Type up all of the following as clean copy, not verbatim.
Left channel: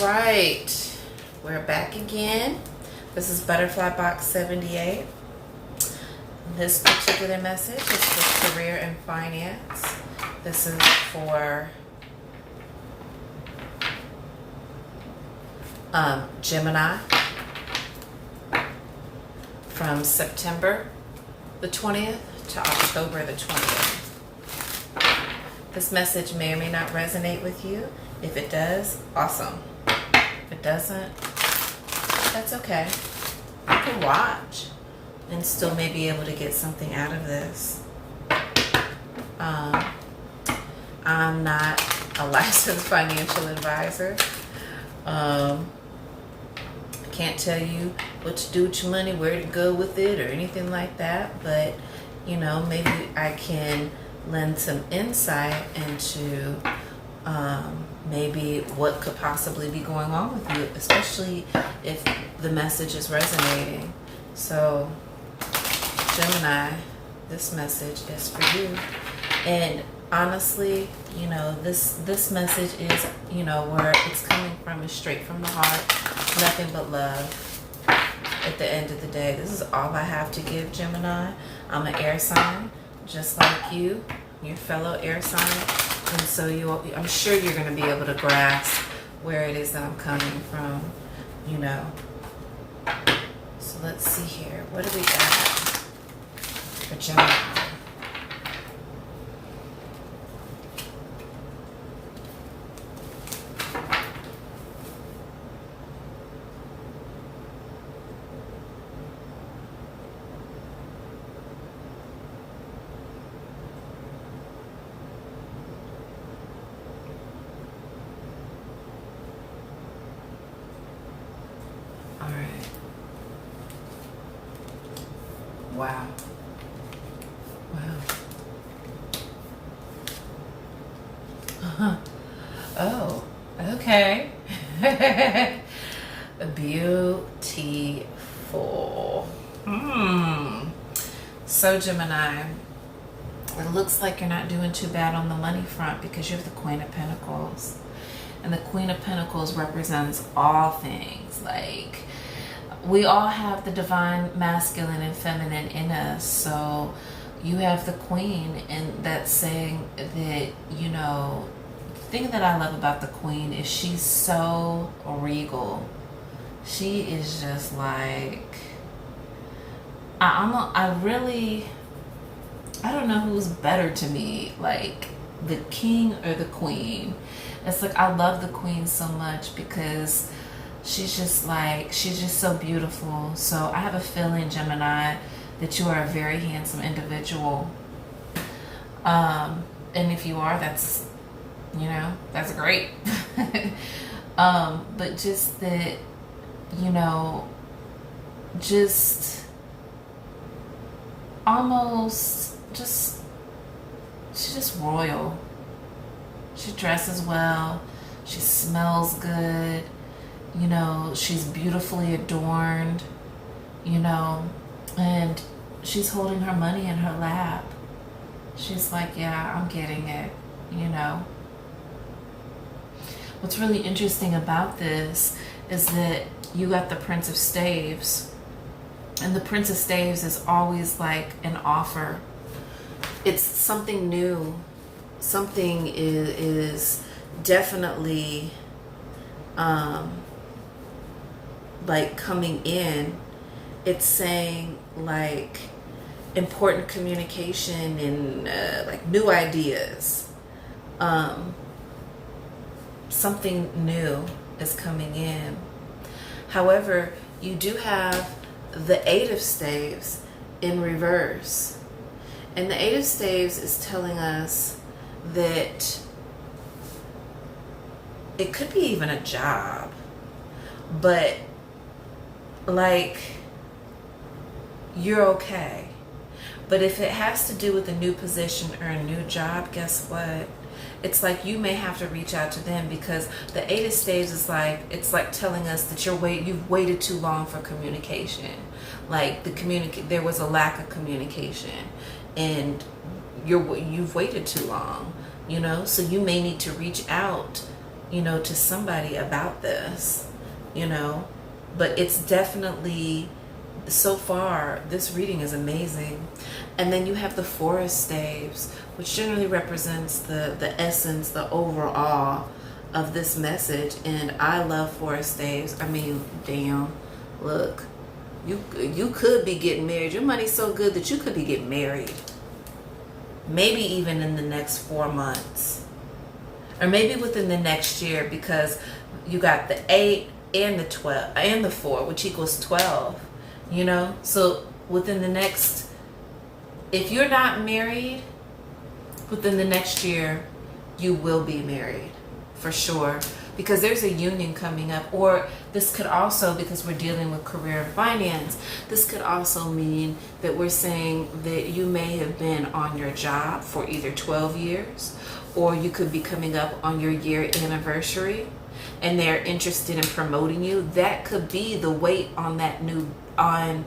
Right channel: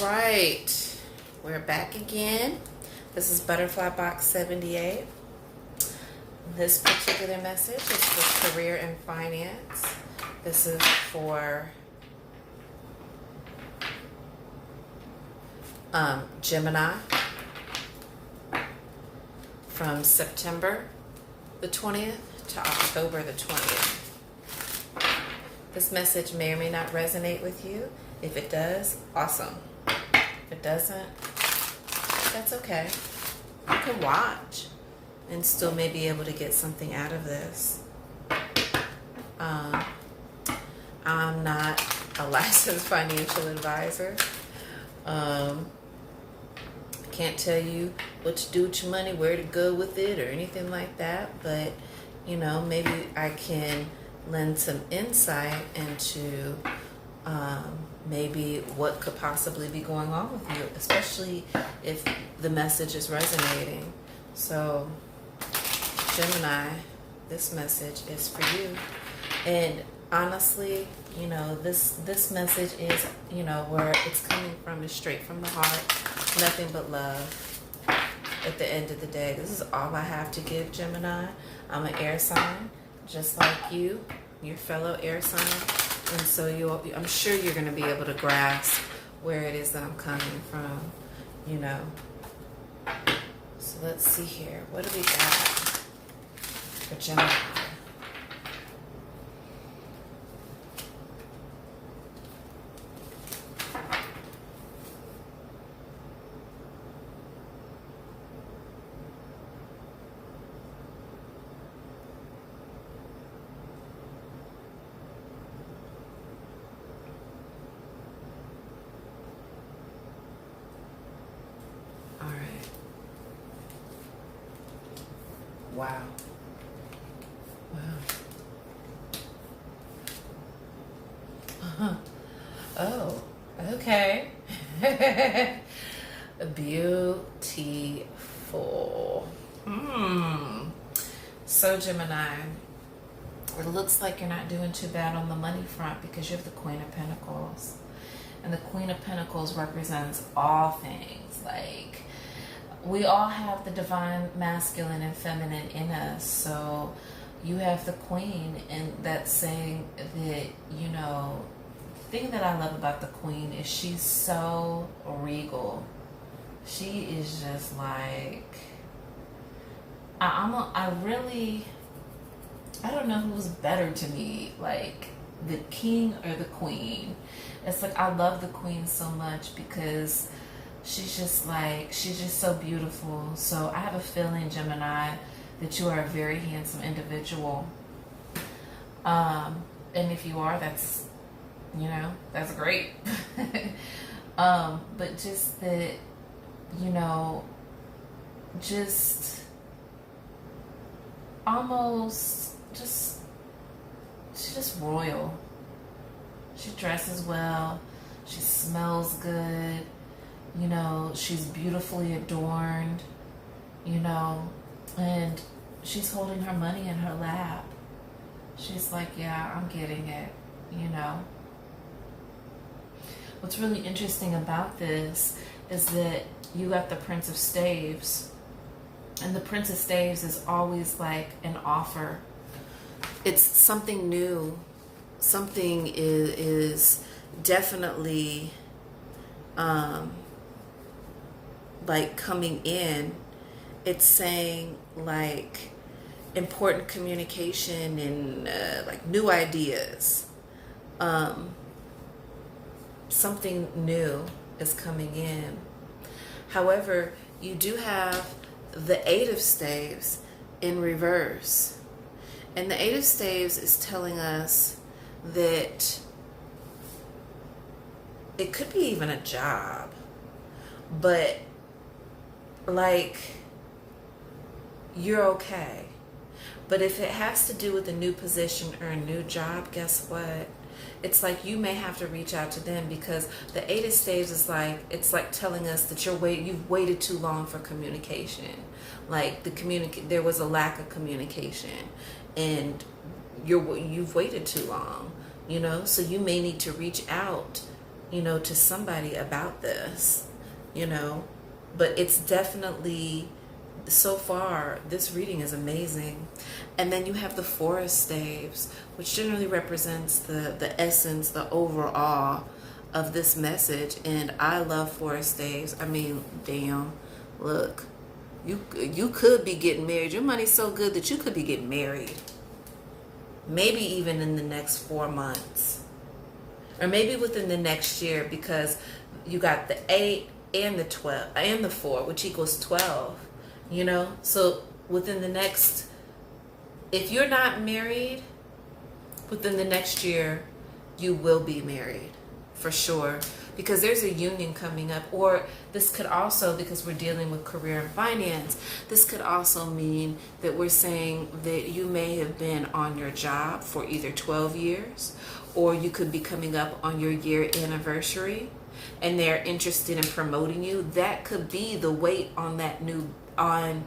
right, we're back again. This is Butterfly Box 78. This particular message is for career and finance. This is for Gemini from September the 20th to October the 20th. This message may or may not resonate with you. If it does, awesome. If it doesn't, that's okay. You can watch and still may be able to get something out of this. I'm not a licensed financial advisor. Can't tell you what to do with your money, where to go with it, or anything like that. But, maybe I can lend some insight into maybe what could possibly be going on with you, especially if the message is resonating. So, Gemini, this message is for you. And honestly, this message is, where it's coming from is straight from the heart. Nothing but love. At the end of the day, this is all I have to give, Gemini. I'm an air sign, just like you, your fellow air sign. And so I'm sure you're going to be able to grasp where it is that I'm coming from, So let's see here. What do we got for Gemini? Wow. Oh, okay. Beautiful. So, Gemini, it looks like you're not doing too bad on the money front because you have the Queen of Pentacles. And the Queen of Pentacles represents all things. Like, we all have the divine masculine and feminine in us. So you have the Queen, and that's saying that, the thing that I love about the Queen is she's so regal. She is just like, I don't know who's better to me, like the King or the Queen. It's like, I love the Queen so much because she's just so beautiful. So I have a feeling, Gemini, that you are a very handsome individual. And if you are, that's great. But just that, just almost she's just royal. She dresses well. She smells good. She's beautifully adorned, and she's holding her money in her lap. She's like, yeah, I'm getting it, What's really interesting about this is that you got the Prince of Staves, and the Prince of Staves is always like an offer. It's something new. Something is definitely like coming in. It's saying like important communication and like new ideas. Something new is coming in. However, you do have the Eight of Staves in reverse. And the Eight of Staves is telling us that it could be even a job, but like, you're okay. But if it has to do with a new position or a new job, guess what? It's like you may have to reach out to them, because the Eight of Staves is like, it's like telling us that you've waited too long for communication. Like there was a lack of communication, and you've waited too long, so you may need to reach out to somebody about this, but it's definitely, so far, this reading is amazing. And then you have the forest staves, which generally represents the essence, the overall of this message. And I love forest staves. I mean, damn, look, you could be getting married. Your money's so good that you could be getting married. Maybe even in the next 4 months. Or maybe within the next year, because you got the 8 and the 12 and the 4, which equals 12. So within the next, if you're not married, within the next year, you will be married for sure, because there's a union coming up. Or this could also, because we're dealing with career and finance, this could also mean that we're saying that you may have been on your job for either 12 years, or you could be coming up on your year anniversary and they're interested in promoting you. That could be the weight on that new, on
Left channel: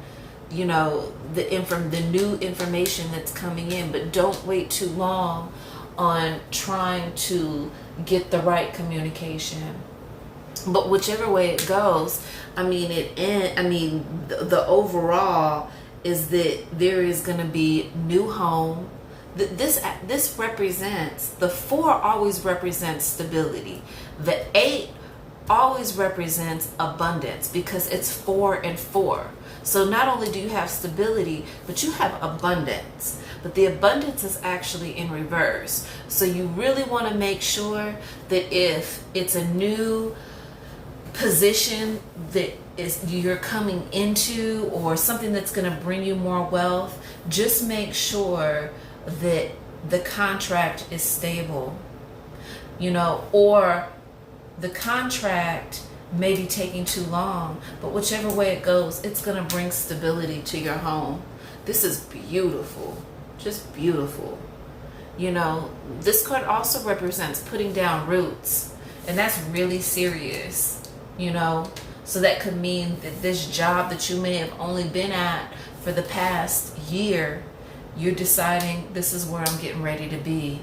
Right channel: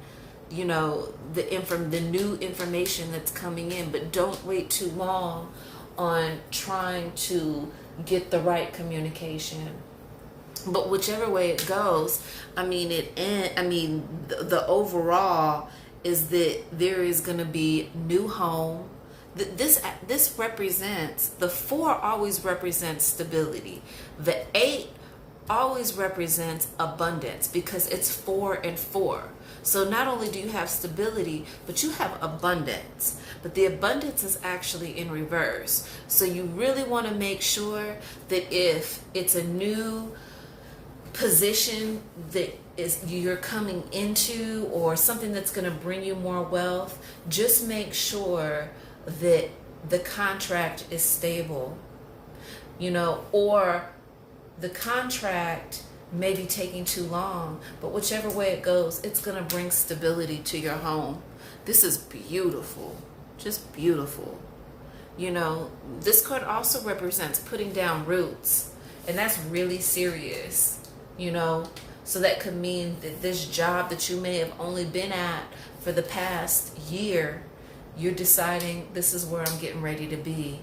the new information that's coming in. But don't wait too long on trying to get the right communication. But whichever way it goes, the overall is that there is going to be new home. This represents, the 4 always represents stability. The 8 always represents abundance, because it's 4 and 4. So not only do you have stability, but you have abundance. But the abundance is actually in reverse. So you really want to make sure that if it's a new position that you're coming into, or something that's going to bring you more wealth, just make sure that the contract is stable, or the contract may be taking too long, but whichever way it goes, it's going to bring stability to your home. This is beautiful, just beautiful. This card also represents putting down roots, and that's really serious, so that could mean that this job that you may have only been at for the past year, you're deciding this is where I'm getting ready to be.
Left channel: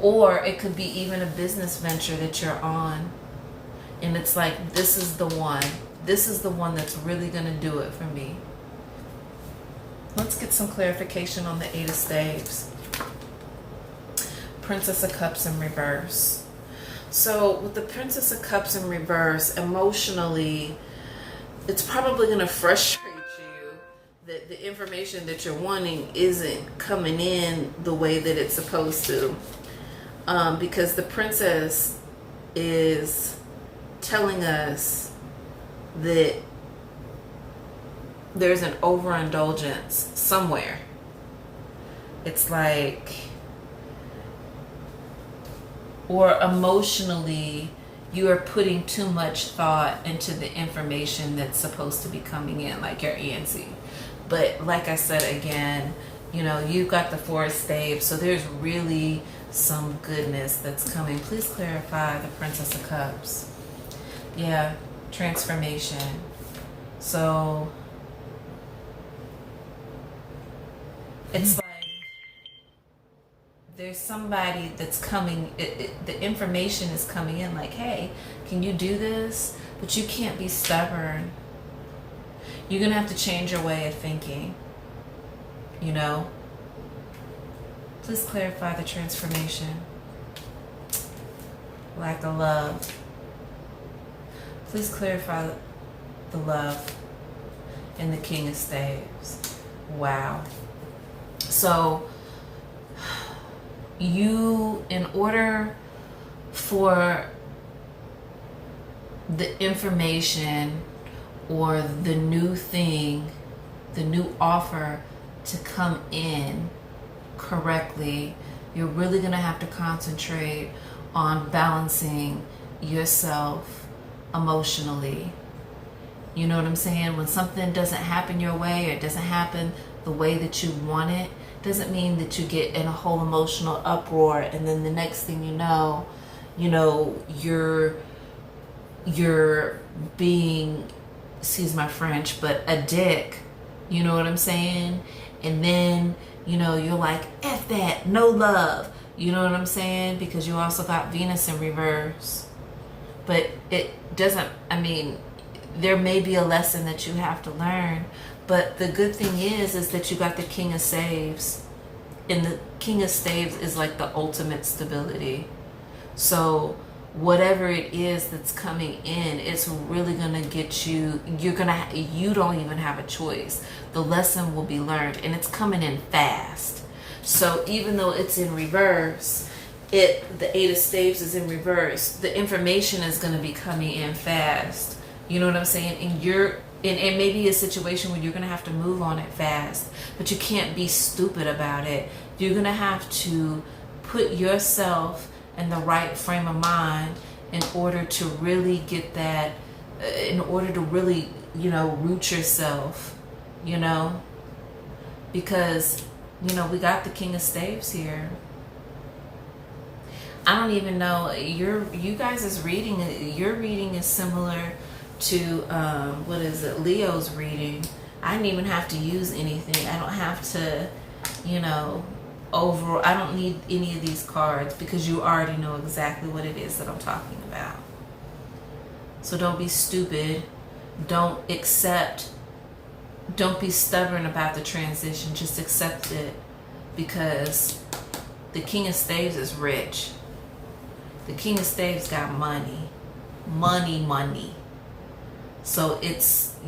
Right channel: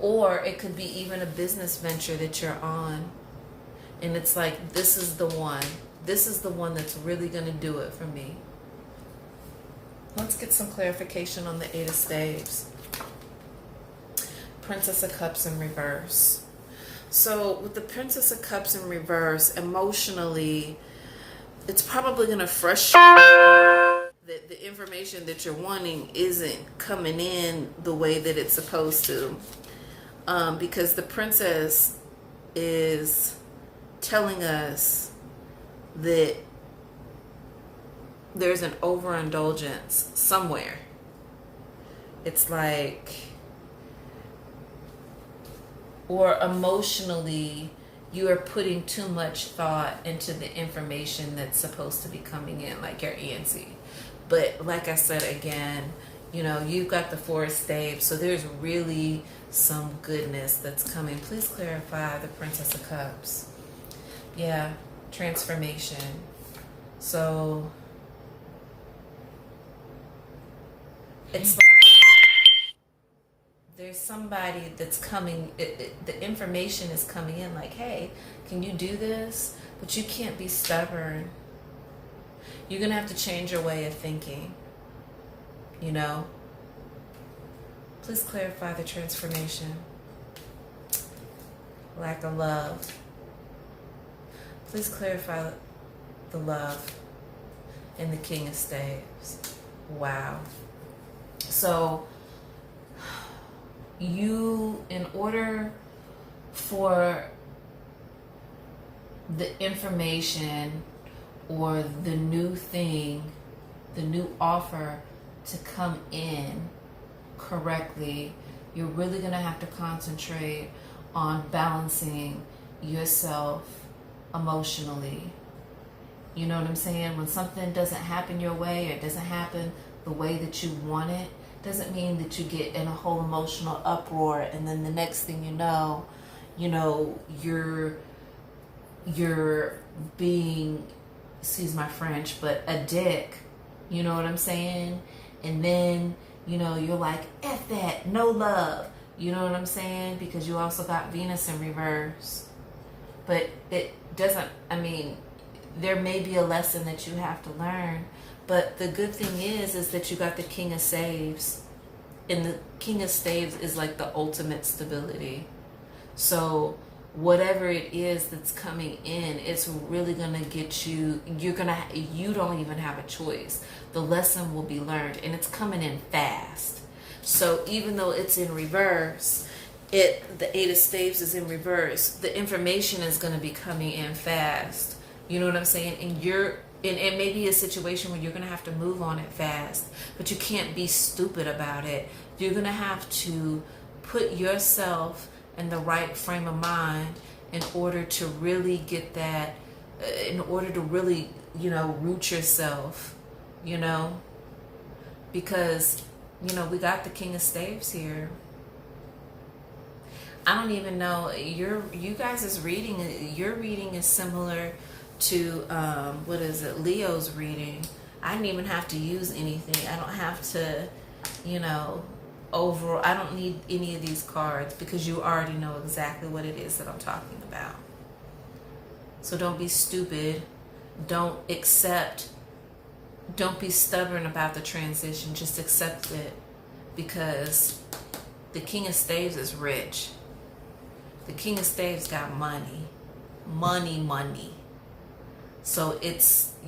Or it could be even a business venture that you're on, and it's like, this is the one that's really going to do it for me. Let's get some clarification on the 8 of Staves. Princess of Cups in reverse. So with the Princess of Cups in reverse, emotionally, it's probably going to frustrate that the information that you're wanting isn't coming in the way that it's supposed to. Because the princess is telling us that there's an overindulgence somewhere. It's like, or emotionally, you are putting too much thought into the information that's supposed to be coming in, like your ENC. But like I said again, you've got the 4 of Staves, so there's really some goodness that's coming. Please clarify the Princess of Cups. Yeah, transformation. So it's like there's somebody that's coming, the information is coming in like, hey, can you do this? But you can't be stubborn. You're going to have to change your way of thinking, Please clarify the transformation. Lack of love. Please clarify the love in the King of Staves. Wow. So you, in order for the information or the new thing, the new offer to come in correctly, you're really going to have to concentrate on balancing yourself emotionally. You know what I'm saying? When something doesn't happen your way, or it doesn't happen the way that you want it, doesn't mean that you get in a whole emotional uproar, and then the next thing you're being, excuse my French, but a dick. You know what I'm saying? And then, you're like, F that, no love. You know what I'm saying? Because you also got Venus in reverse. but it doesn't, I mean, there may be a lesson that you have to learn, but the good thing is that you got the King of Staves, and the King of Staves is like the ultimate stability. So whatever it is that's coming in, it's really gonna get you, you don't even have a choice. The lesson will be learned, and it's coming in fast. So even though it's in reverse, the Eight of Staves is in reverse, the information is gonna be coming in fast. You know what I'm saying? And you're in maybe a situation where you're gonna have to move on it fast, but you can't be stupid about it. You're gonna have to put yourself in the right frame of mind in order to really get that, in order to really, root yourself, because, we got the King of Staves here. I don't even know, you guys' reading, your reading is similar to, Leo's reading. I didn't even have to use anything. I don't have to, I don't need any of these cards, because you already know exactly what it is that I'm talking about. So don't be stupid. Don't be stubborn about the transition. Just accept it, because the King of Staves is rich. The King of Staves got money. Money. So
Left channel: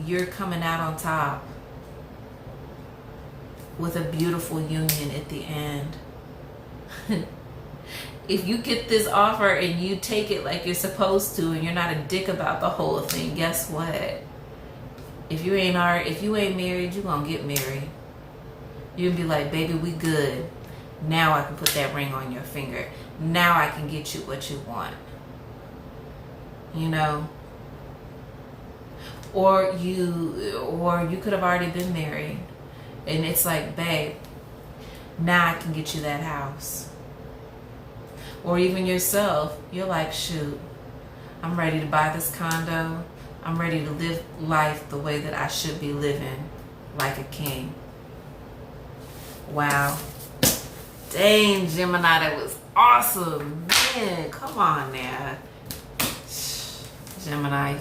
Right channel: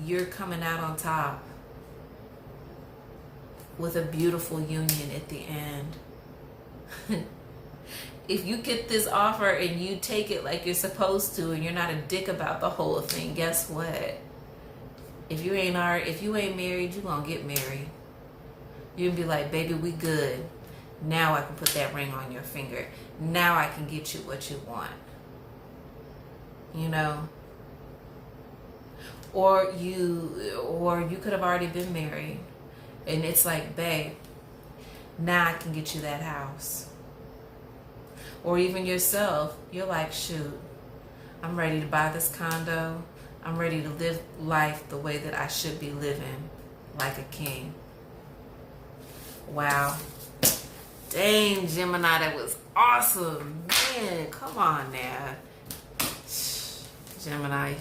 you're coming out on top with a beautiful union at the end. If you get this offer and you take it like you're supposed to, and you're not a dick about the whole thing, guess what? If you ain't married, you're gonna get married. You'll be like, baby, we good. Now I can put that ring on your finger. Now I can get you what you want. Or you could have already been married, and it's like, babe, now I can get you that house. Or even yourself, you're like, shoot, I'm ready to buy this condo. I'm ready to live life the way that I should be living, like a king. Wow. Dang, Gemini, that was awesome. Man, come on now. Gemini.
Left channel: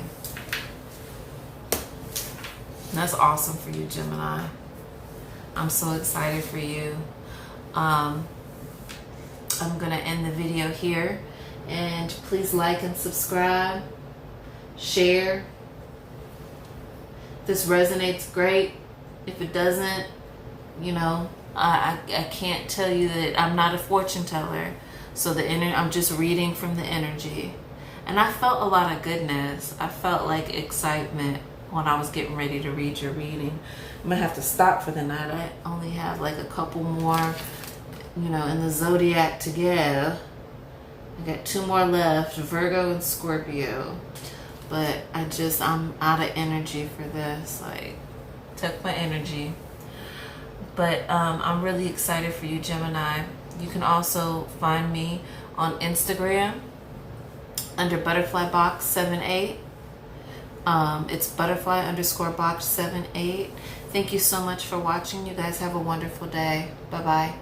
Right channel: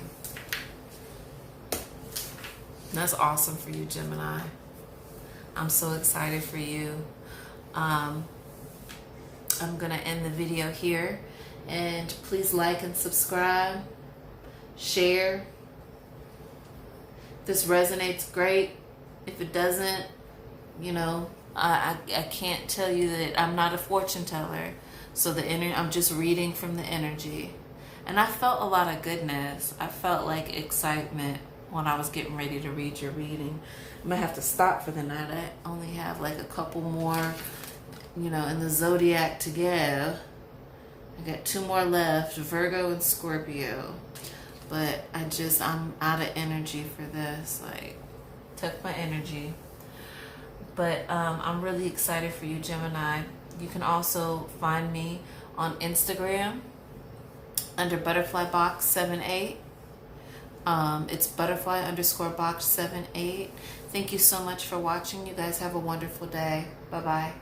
That's awesome for you, Gemini. I'm so excited for you. I'm going to end the video here. And please like and subscribe. Share. If this resonates, great. If it doesn't, I can't tell you that I'm not a fortune teller. So I'm just reading from the energy. And I felt a lot of goodness. I felt like excitement when I was getting ready to read your reading. I'm going to have to stop for the night. I only have like a couple more, in the zodiac to go. I got 2 more left, Virgo and Scorpio. But I'm out of energy for this. Like, took my energy. But I'm really excited for you, Gemini. You can also find me on Instagram under butterflybox78. It's butterfly_box78. Thank you so much for watching. You guys have a wonderful day. Bye-bye.